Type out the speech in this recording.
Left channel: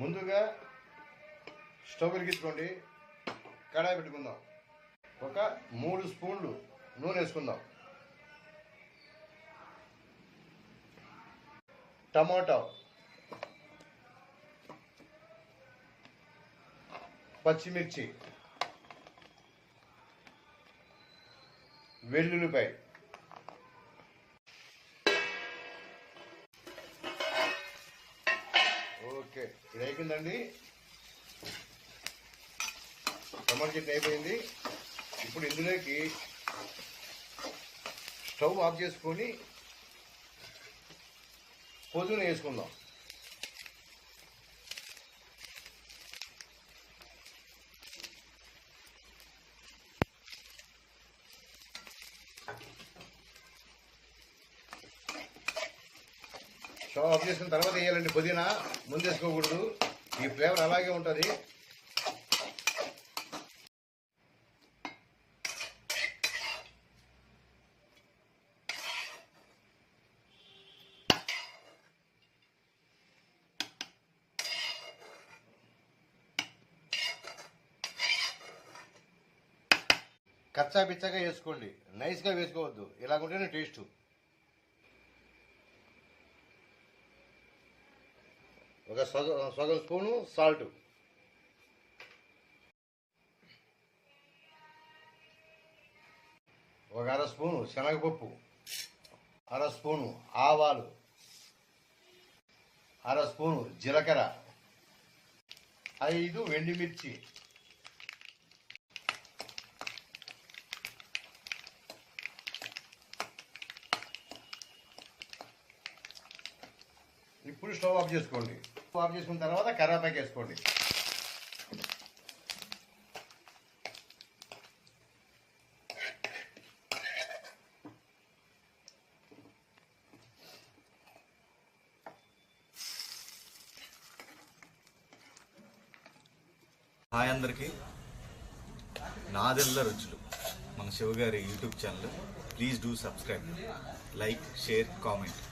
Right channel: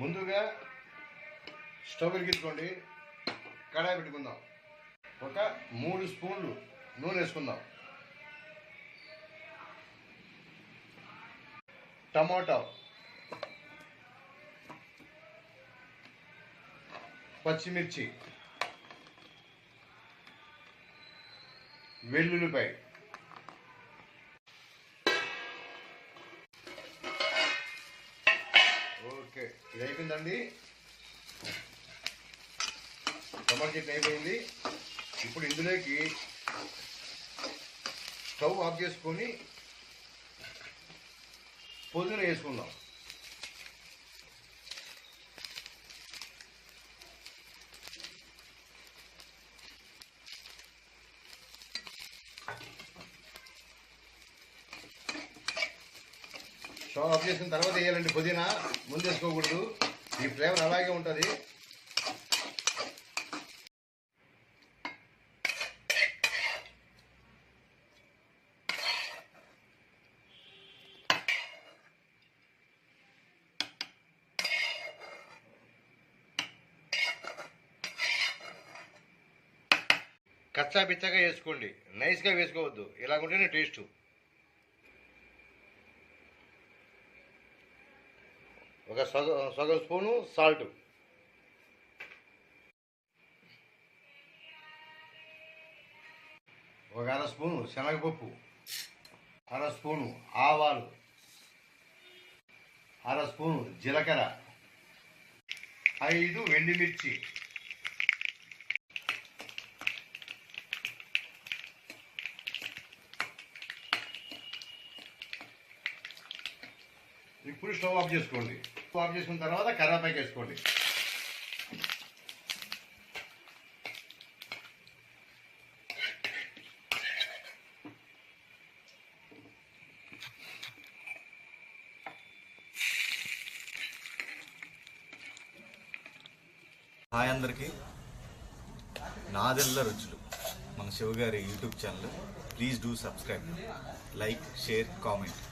ముందుగా స్టవ్ వెలిగించుకోండి. కడాయి పెట్టుకుందాం. ఒక మూడు స్పూన్లు నూనె వేసుకుందాం. టమాటా పచ్చిమిర్చి వెల్లుల్లిపాయ ఓకే ఇది అయిపోయిందండి టమాటా చట్నీ అయిపోయింది. ఇప్పుడు ఇందులోకి స్టవ్ ఆఫ్ చేసుకొని పొద్దున వేసుకుందాం. స్టవ్ ఆఫ్ చేసిన తర్వాత వేయాలండి పుదీనా ముందు వేసుకోకూడదు ఈ ఫ్లేవర్ అలాగే ఉంటుంది. కచ్చా పిచ్చగా వేసుకోండి. నైస్గా వేసుకోవద్దు. ఇలాగుంటేనే టేస్ట్ ఒక సగం సగం స్పూను సాల్ట్. ఒక అర స్పూను శనగపప్పు. అర స్పూను ఆవాలు. అర స్పూను జీలకర్ర. ఐదు ఎండుమిర్చి ఇప్పుడు స్టవ్ ఆఫ్ చేసుకోండి. ఆఫ్ చేసుకున్న తర్వాత కర్రాపాకి వేసుకోండి. హాయ్ అందరికీ. నాదెల్ల రుచులు. మన శివగారి YouTube channel. Please do subscribe. Like share comment.